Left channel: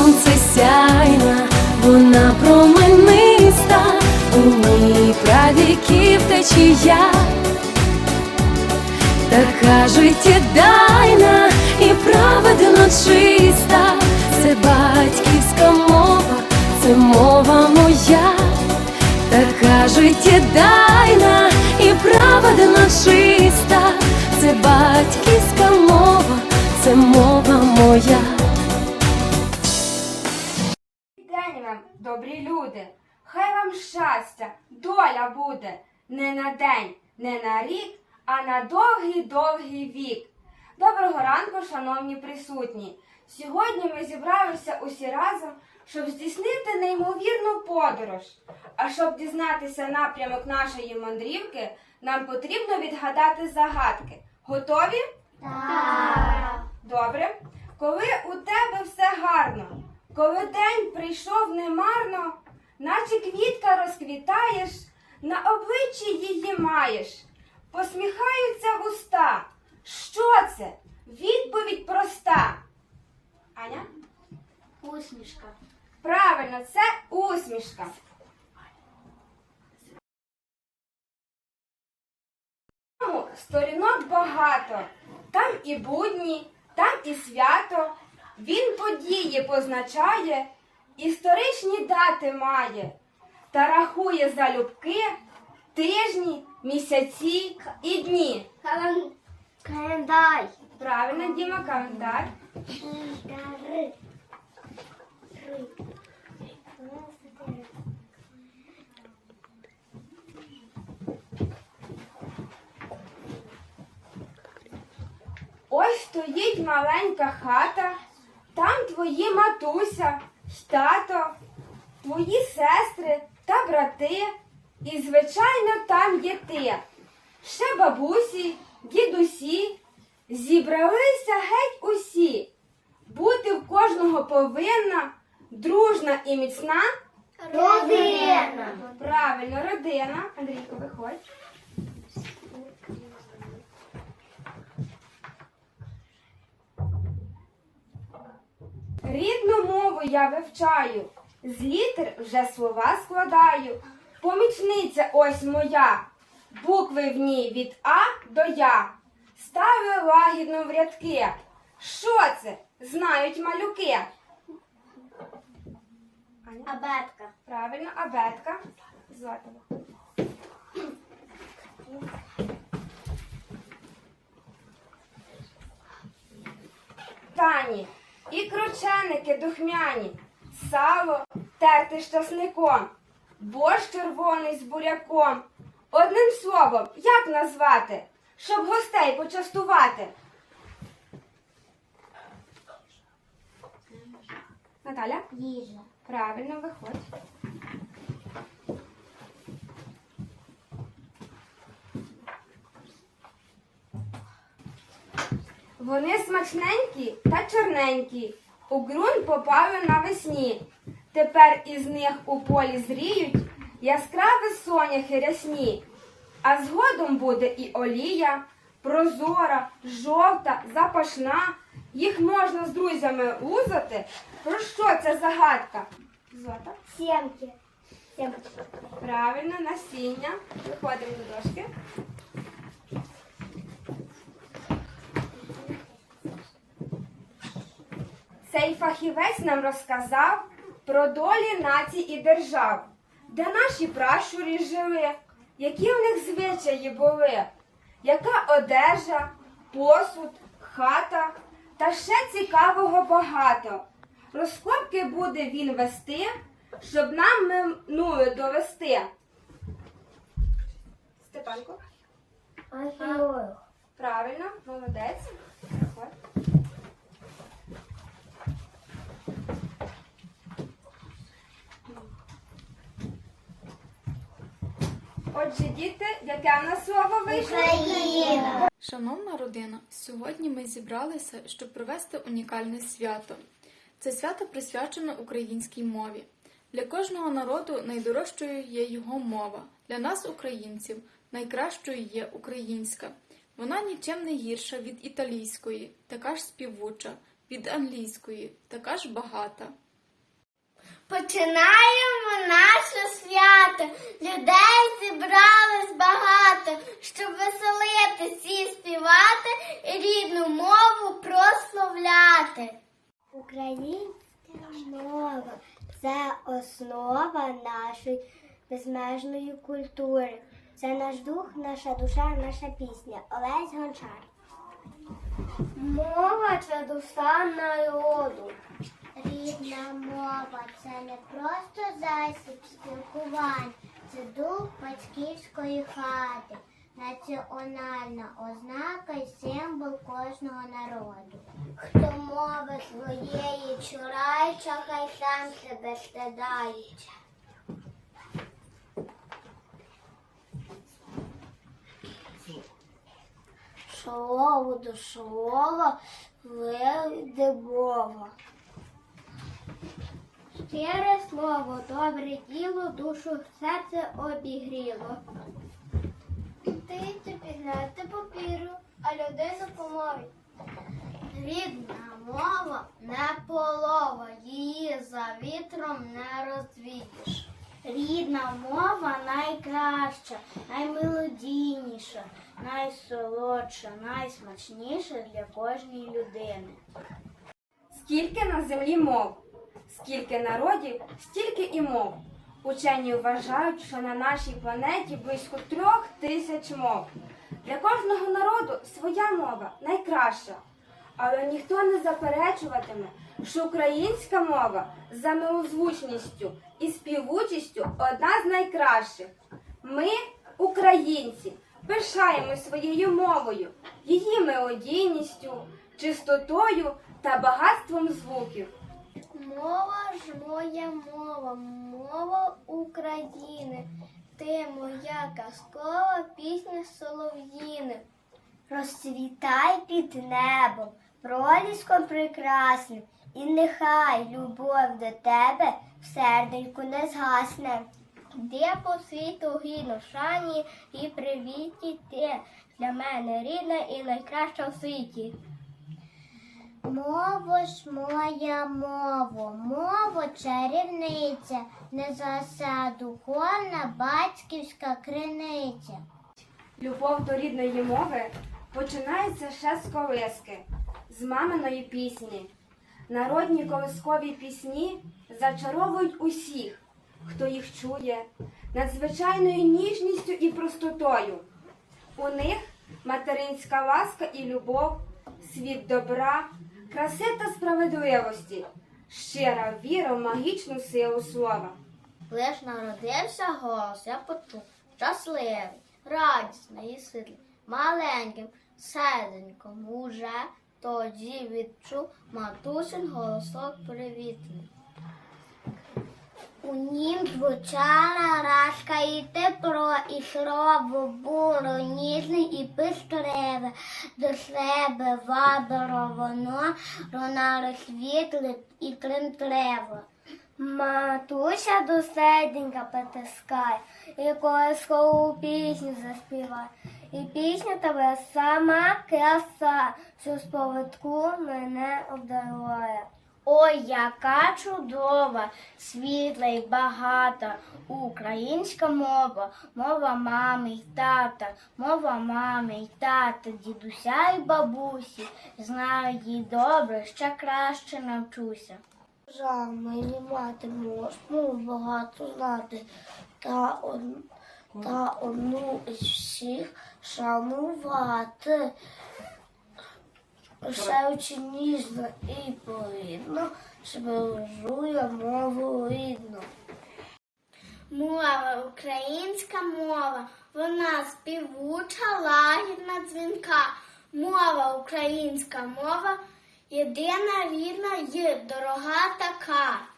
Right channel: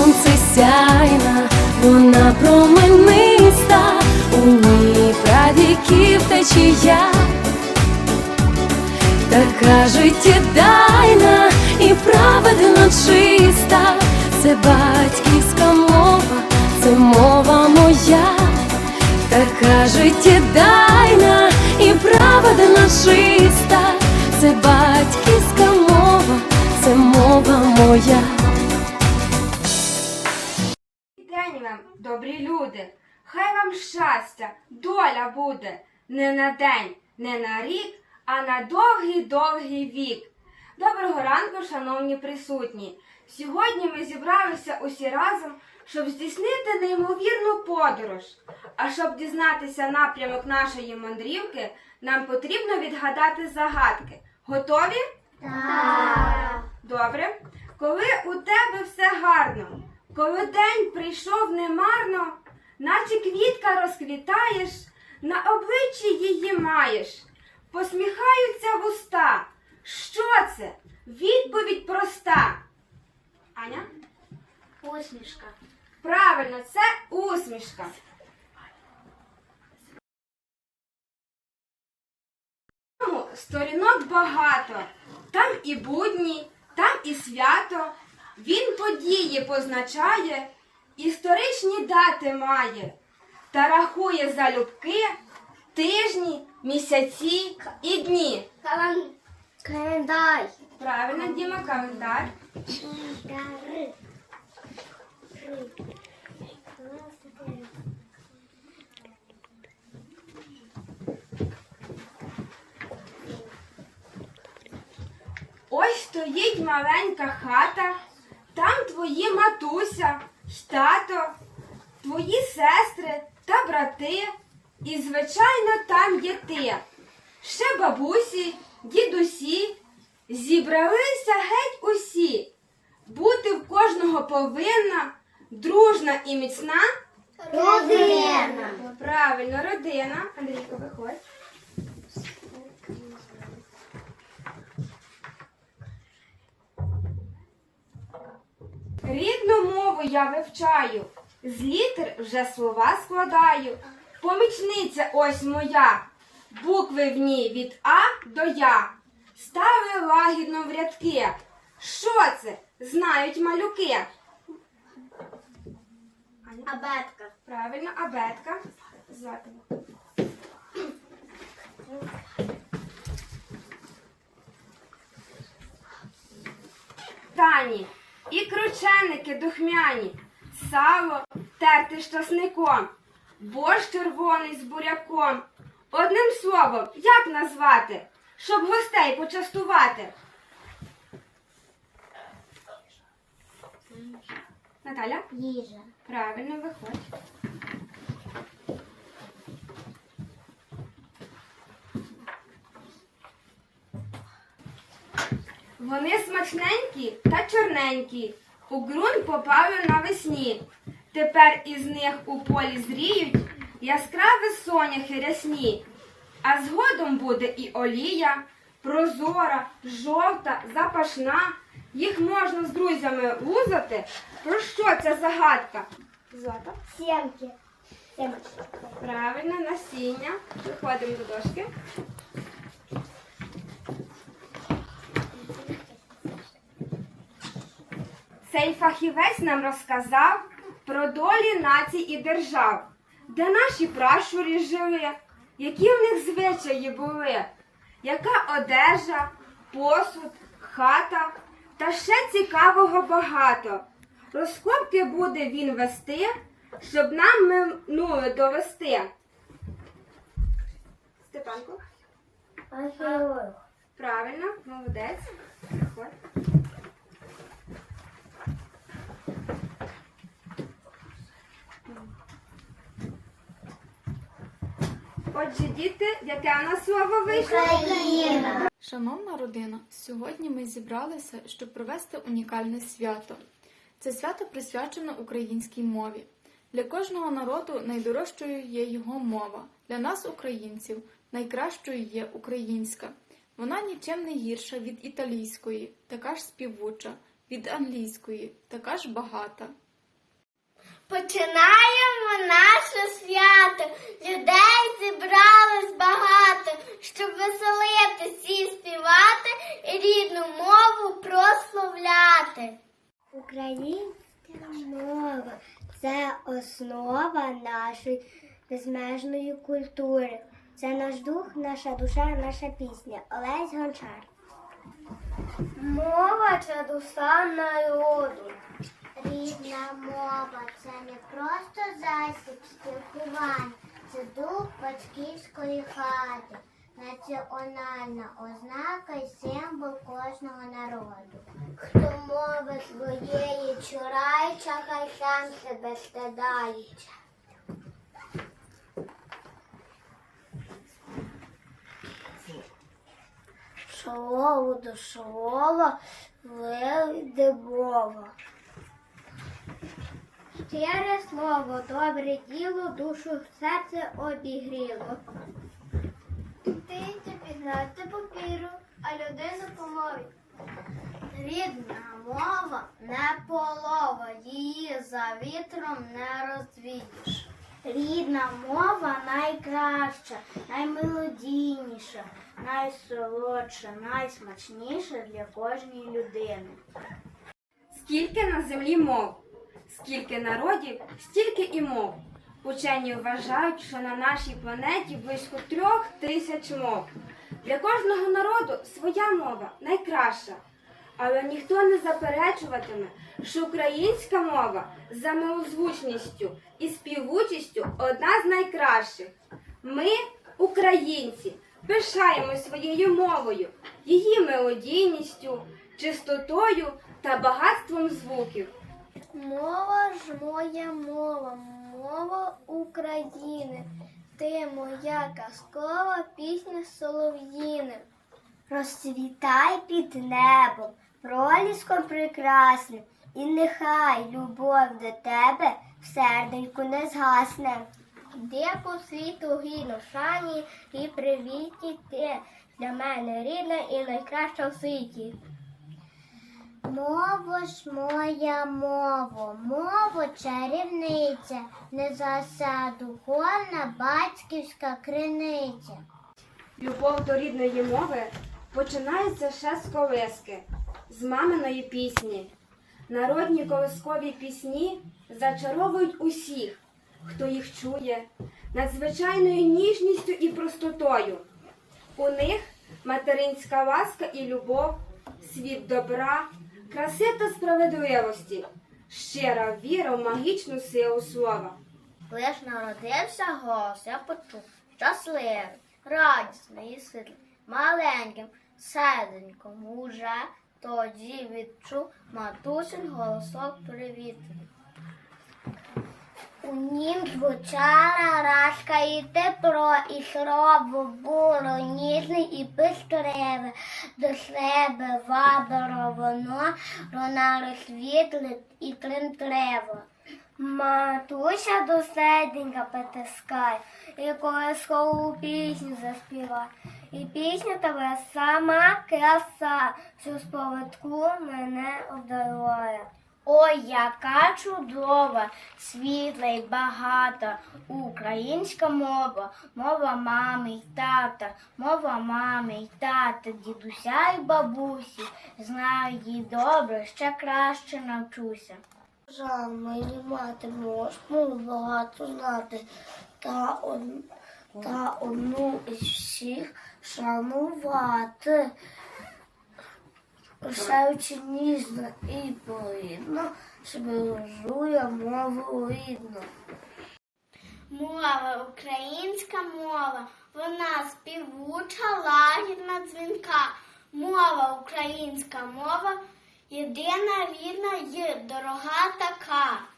сонце сяйна, вона промениста, у ній правіків течія, така життєдайна і праведно чиста, це батьківська мова, це мова моя, така життєдайна і праведно чиста, це батьківська мова, це мова моя. Люди, хай вам щастя, доля буде не на день, не на рік, а на довгий-довгий вік. Доброго ранку, шановні присутні! Сьогодні ми зібралися усі разом, щоб здійснити неймовірну подорож. А щоб дізнатися напрямок нашої мандрівки, нам потрібно відгадати загадки. Готові? Так. Добре. Коли у тебе все гарно, коли день прийшов немарно, наче квітка розквітаєш, на обличчі її маєш, посміхаються вуста. Що це? Відповідь проста. Аня? Усмішка. Правильно, це усмішка. Сторінок багато. Там і будні, там і свято. Він події позначає, історичні дати має та рахує залюбки тижні, місяці і дні. Кален... Календар. Правильно, Діма, календар. Календари. Ось стоїть маленька хата, там твої матуся, тато, твої сестри та брати, і, звичайно, там є ти. Ще бабусі, дідусі, зібралися геть усі. Бути в кожного повинна, дружна і міцна. Родина. Правильно, родина. Андрійко, виходь. Рідну мову я вивчаю, з літер вже слова складаю. Помічниця ось моя, букви в ній від А до Я. Ставлю лагідно в рядки. Що це? Знають малюки. Абетка. Правильно, абетка. Тані, і крученики духмяні, сало терти з часником, борщ червоний з буряком. Одним словом, як назвати, щоб гостей почастувати? Наталя? Їжа. Правильно, виходь. Вони смачненькі та чорненькі, у ґрунт попали навесні. Тепер із них у полі зріють яскраві соняхи рясні. А згодом буде і олія, прозора, жовта, запашна. Їх можна з друзями лузати. Про що ця загадка? Злата. Сімки. Правильно, насіння. Виходимо до дошки. Цей фахівець нам розказав про долі націй і держав, де наші пращурі жили, які в них звичаї були, яка одежа, посуд, хата та ще цікавого багато. Розкопки буде він вести, щоб нам минуле довести. Степанко, Археолог. правильно, молодець. Приходь. Отже, діти, яке в нас слово вийшло? Україна. Шановна родина, сьогодні ми зібралися, щоб провести унікальне свято. Це свято присвячено українській мові. Для кожного народу найдорожчою є його мова. Для нас, українців, найкращою є українська. Вона нічим не гірша від італійської, така ж співуча, від англійської, така ж багата. Починаємо наше свято. Людей зібралось багато, щоб веселитись і співати і рідну мову прославляти. Українська мова це основа нашої безмежної культури. Це наш дух, наша душа, наша пісня. Олесь Гончар. Мова це душа народу. Рідна мова це не просто засіб спілкування, це дух батьківської хати, національна ознака і символ кожного народу. Хто мови своєї чурається, хай сам себе стидається. Слово до слова вийде мова. Щире слово, добре діло, душу серце обігріло. Ти пігнати папіру, а людину помові. Рідна мова не полова, її за вітром не розвідиш. Рідна мова найкраща, наймелодійніша, найсолодша, найсмачніша для кожної людини. Скільки на землі мов, скільки народів, стільки і мов. Учені вважають, що на нашій планеті близько трьох тисяч мов. Для кожного народу своя мова найкраща. Але ніхто не заперечуватиме, що українська мова за милозвучністю і співучістю одна з найкращих. Ми, українці, пишаємо своєю мовою, її мелодійністю, чистотою та багатством звуків. Мова ж моя мова, мова України. Ти моя казкова пісня солов'їни. Розцвітай під небом, проліском прекрасним, і нехай любов до тебе в серденьку не згасне. Де по світу гідно шані і привіті ти для мене рідна і найкраща в світі. Мово ж моя мово, мово чарівниця, не заса духовна батьківська криниця. Любов до рідної мови починається ще з колиски, з маминої пісні. Народні колискові пісні зачаровують усіх, хто їх чує, надзвичайною ніжністю і простотою. У них материнська ласка і любов, світ добра, краси та справедливості, щира віра в магічну силу слова. Лиш народився голос, я почув, щасливий, радісний і світлий, маленьким, серденьком уже тоді відчув матусин голосок привітний. У нім звучала радська і тепло, і слово було ніжне і пестливе. До себе вабило воно, ронало світле і тремтливо. Матуся до серденька потискає, і колискову пісню заспіває. І пісня тебе сама краса, що з поводку мене обдарує. Ой, яка чудова, світла й багата українська мова, мова мами й тата, мова мами й тата, дідуся й бабусі. Знаю її добре, ще краще навчуся. Жаль, мені мати можна багато знати, та, од... та одну із всіх шанувати. Пишаючи ніжно і повільно, збережує мову рідну. Мова, українська мова, вона співуча, лагідна дзвінка. Мова, українська мова, єдина рідна й дорога така.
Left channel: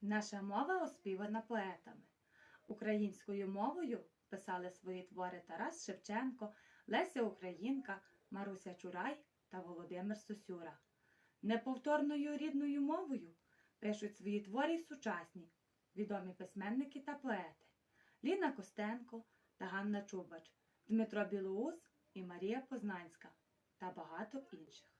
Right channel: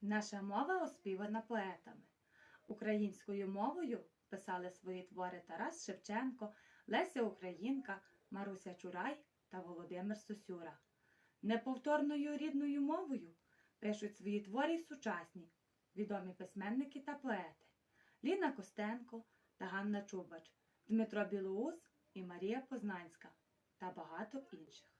Наша мова оспівана поетами. Українською мовою писали свої твори Тарас Шевченко, Леся Українка, Маруся Чурай та Володимир Сосюра. Неповторною рідною мовою пишуть свої твори й сучасні, відомі письменники та поети Ліна Костенко та Ганна Чубач, Дмитро Білоус і Марія Познанська та багато інших.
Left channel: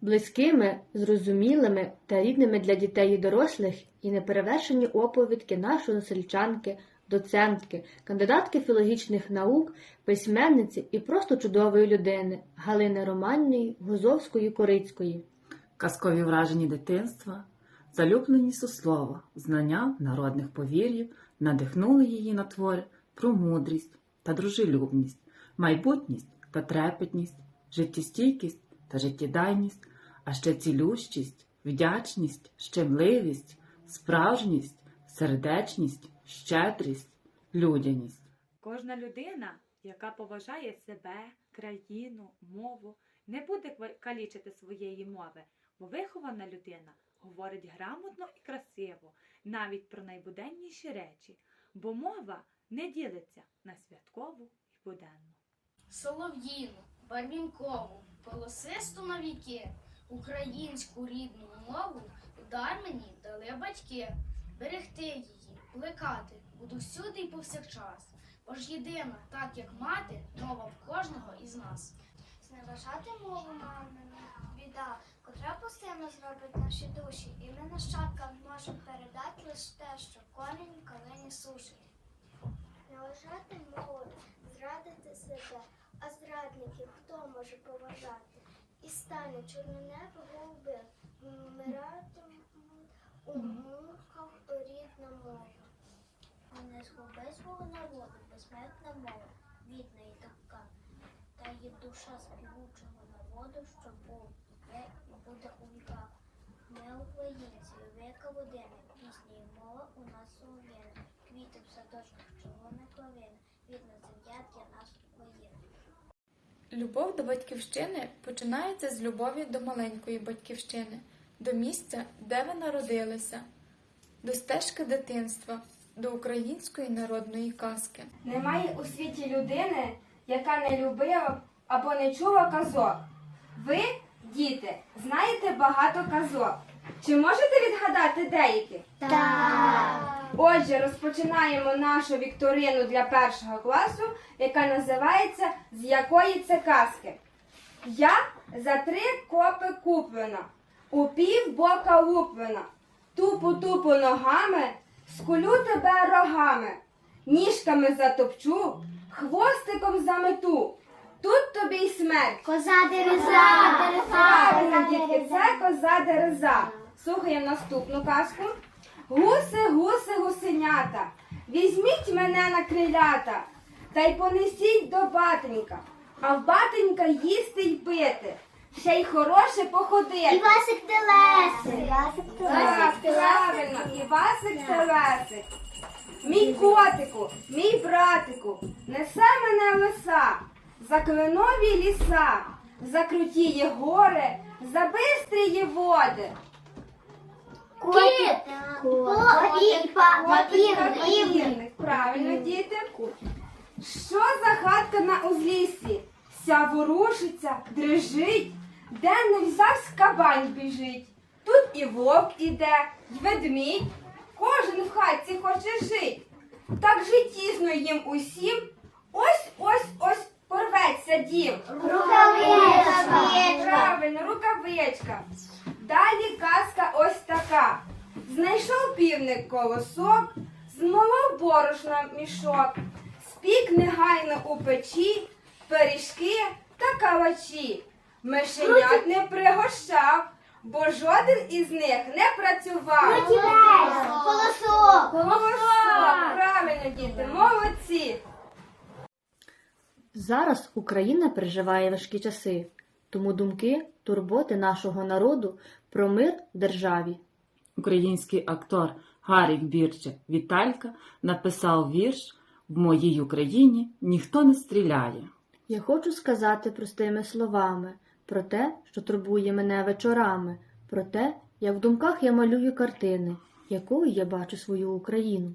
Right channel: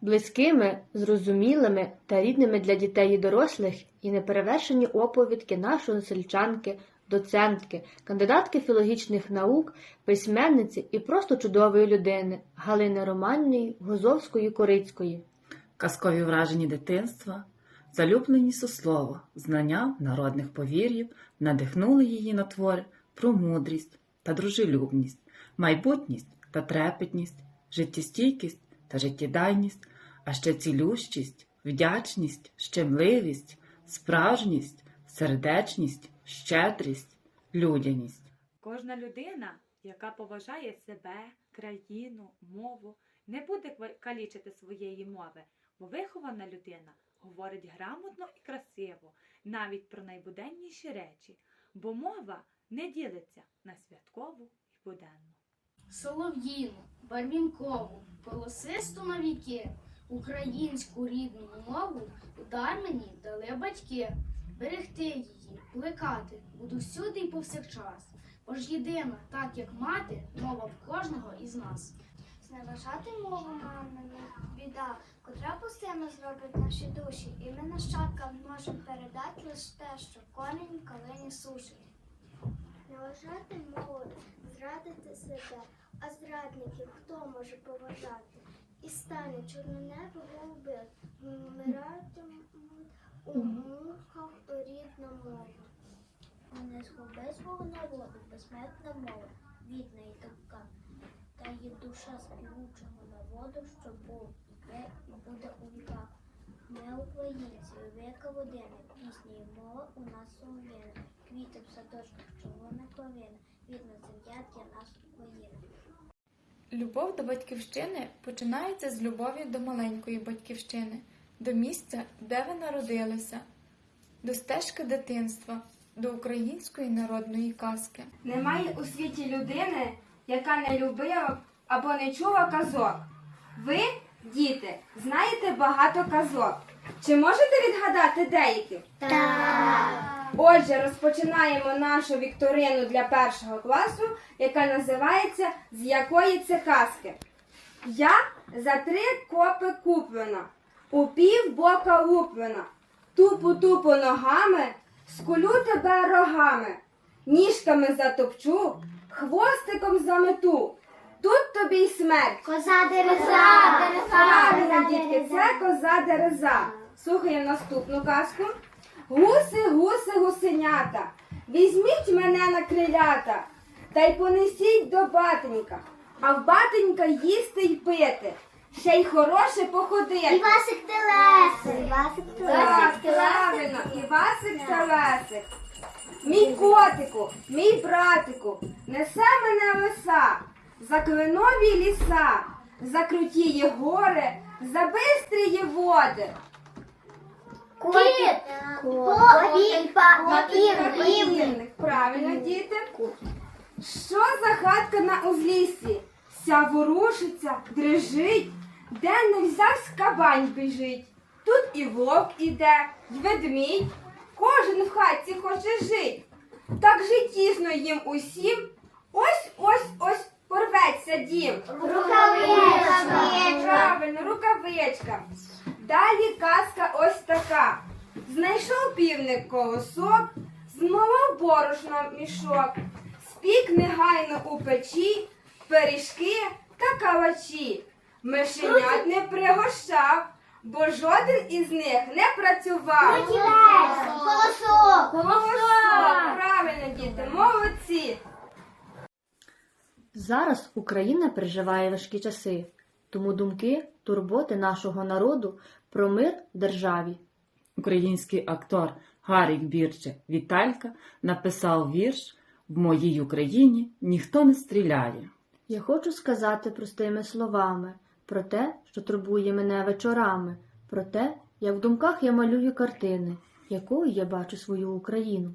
Близькими, зрозумілими та рідними для дітей і дорослих і неперевершені оповідки нашої сельчанки, доцентки, кандидатки філологічних наук, письменниці і просто чудової людини Галини Романної Гозовської Корицької. казкові вражені дитинства, залюблені суслова, знання народних повір'їв надихнули її на твори про мудрість та дружелюбність, майбутність та трепетність, життєстійкість та життєдайність, а ще цілющість, вдячність, щемливість, справжність, сердечність, щедрість, людяність. Кожна людина, яка поважає себе, країну, мову, не буде калічити своєї мови, бо вихована людина говорить грамотно і красиво, навіть про найбуденніші речі, бо мова не ділиться на святкову і буденну. Солов'їну, Барвінкову, Голосисту на віки, українську рідну мову удар мені дали батьки. Берегти її, плекати буду всюди й повсякчас. Бо ж так як мати, мова в кожного із нас. Зневажати мову мамину біда, котра постійно зробить наші душі, і ми нащадкам можемо передати лише те, що конені калині сушить. Зневажати мову, зрадити себе, а зрадників хто може поважати? І стане чорне небо голуби, вмиратимуть у муках рідна мова. Не згуби свого народу, безсмертна мова, рідна і така. Та є душа співучого народу, що був, є і буде у віках. Ми українці, віка водини, пісні і мова у нас солов'їна, квіти в садочках, червона клавина, рідна земля для нас Україна. Любов до батьківщини починається з любові до маленької батьківщини, до місця, де ви народилися, до стежки дитинства, до української народної казки. Немає у світі людини, яка не любила б або не чула казок. Ви, діти, знаєте багато казок. Чи можете відгадати деякі? Так. Отже, розпочинаємо нашу вікторину для першого класу, яка називається З якої це казки. Я за три копи куплена, у пів бока луплена, тупу-тупу ногами, скулю тебе рогами, ніжками затопчу, хвостиком замету. Тут тобі й смерть. Коза дереза, Правильно, дітки, це коза дереза. Слухаємо наступну казку. Гуси, гуси, гусенята, візьміть мене на крилята, та й понесіть до батенька, а в батенька їсти й пити, ще й хороше походити. Івасик Телесик. Івасик Так, правильно, Івасик та Лесик. Мій котику, мій братику, несе мене лиса, за кленові ліса, за крутії гори, за бистрії води. Кіт. Кот. Папірник. Правильно, діти. Що за хатка на узліссі? Ся ворушиться, дрижить, де не взявсь кабань біжить. Тут і вовк іде, й ведмідь, кожен в хатці хоче жить. Так життєсно їм усім. Ось ось ось порветься дім. Рукавичка. Правильно, рукавичка. Далі казка ось така. Знайшов півник колосок, змолов борошно мішок, спік негайно у печі, пиріжки та калачі. Мишенят не пригощав, бо жоден із них не працював. Колосок. Голосок. Правильно, діти, молодці. Зараз Україна переживає важкі часи, тому думки, турботи нашого народу про мир в державі. Український актор Гарік Бірче Віталька написав вірш В моїй Україні ніхто не стріляє. Я хочу сказати простими словами про те, що турбує мене вечорами, про те, як в думках я малюю картини, якою я бачу свою Україну.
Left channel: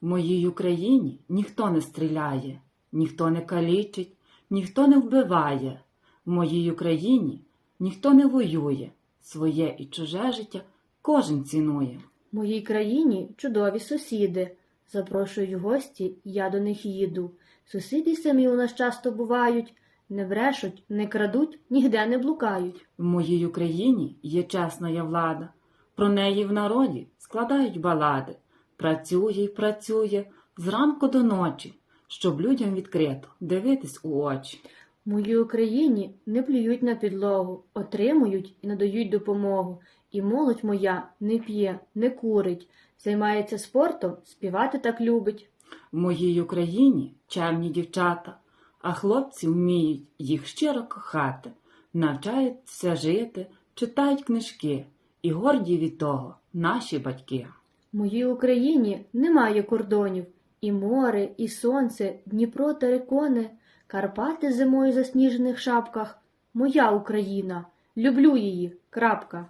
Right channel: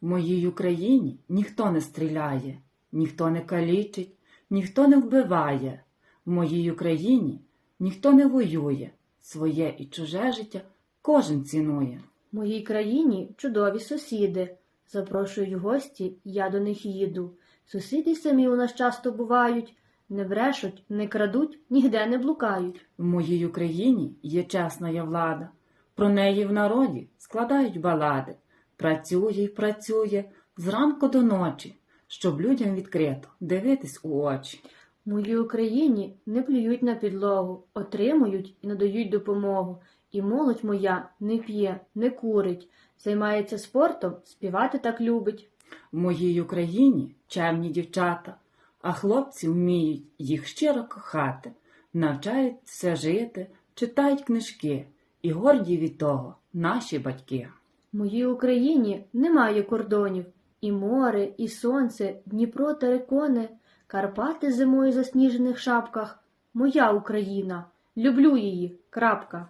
В моїй Україні ніхто не стріляє, ніхто не калічить, ніхто не вбиває. В моїй Україні ніхто не воює, своє і чуже життя кожен цінує. В моїй країні чудові сусіди. Запрошують гості, я до них їду. Сусіди самі у нас часто бувають, не брешуть, не крадуть, ніде не блукають. В моїй Україні є чесна я влада, про неї в народі складають балади. Працює й працює зранку до ночі, щоб людям відкрито дивитись у очі. В моїй Україні не плюють на підлогу, отримують і надають допомогу. І молодь моя не п'є, не курить, займається спортом, співати так любить. В моїй Україні чемні дівчата, а хлопці вміють їх щиро кохати, навчаються жити, читають книжки, і горді від того наші батьки. В моїй Україні немає кордонів, і море, і сонце, Дніпро та рекони, Карпати зимою засніжених шапках. Моя Україна, люблю її. Крапка.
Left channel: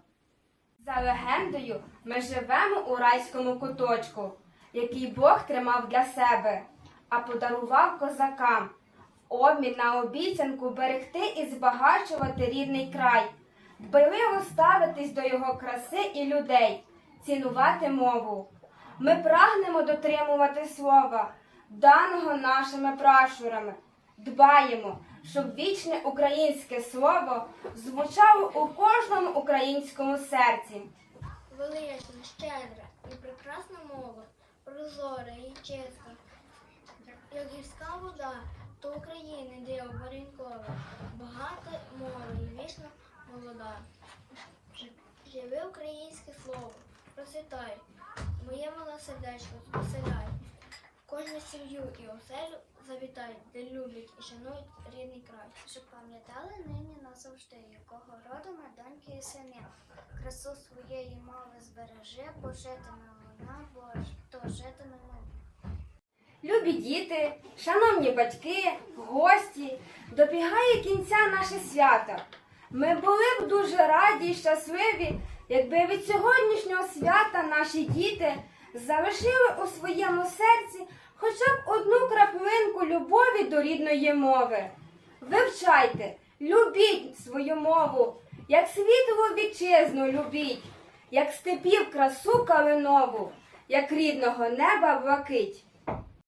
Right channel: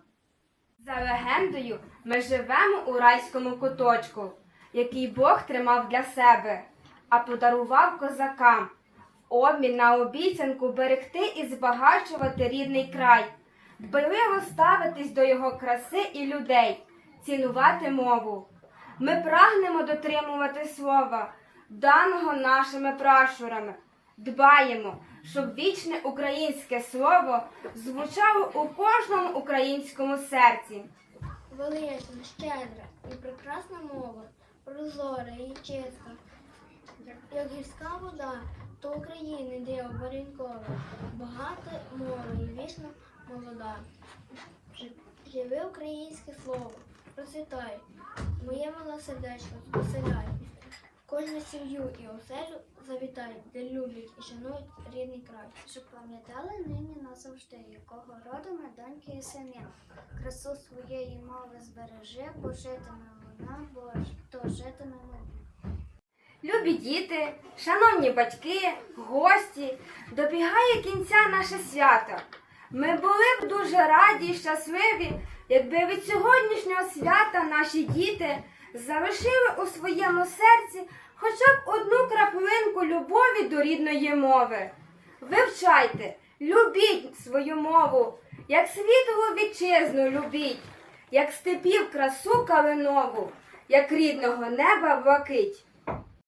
За легендою, ми живемо у райському куточку, який Бог тримав для себе, а подарував козакам обмін на обіцянку берегти і збагачувати рідний край, дбайливо ставитись до його краси і людей, цінувати мову. Ми прагнемо дотримувати слова, даного нашими пращурами. Дбаємо, щоб вічне українське слово звучало у кожному українському серці. Велична, щедра і прекрасна мова, прозора і чиста. Як гірська вода, то України диво баренькове, багата мова і вічно молода. Жи- Живи українське слово, процвітай, моє мале сердечко звеселяй. Кожну сім'ю і оселю завітай, де люблять і шанують рідний край. Щоб пам'ятали нині назавжди, якого роду ми доньки і сини. Красу своєї мови збережи, бо житиме вона, бо то житиме ми. Любі діти, шановні батьки, гості, добігає кінця наше свято. Ми були б дуже раді і щасливі, якби від сьогоднішнього свята наші діти залишили у своєму серці хоча б одну краплинку любові до рідної мови. Вивчайте, любіть свою мову, як світову вітчизну любіть, як степів красу калинову, як рідного неба блакить.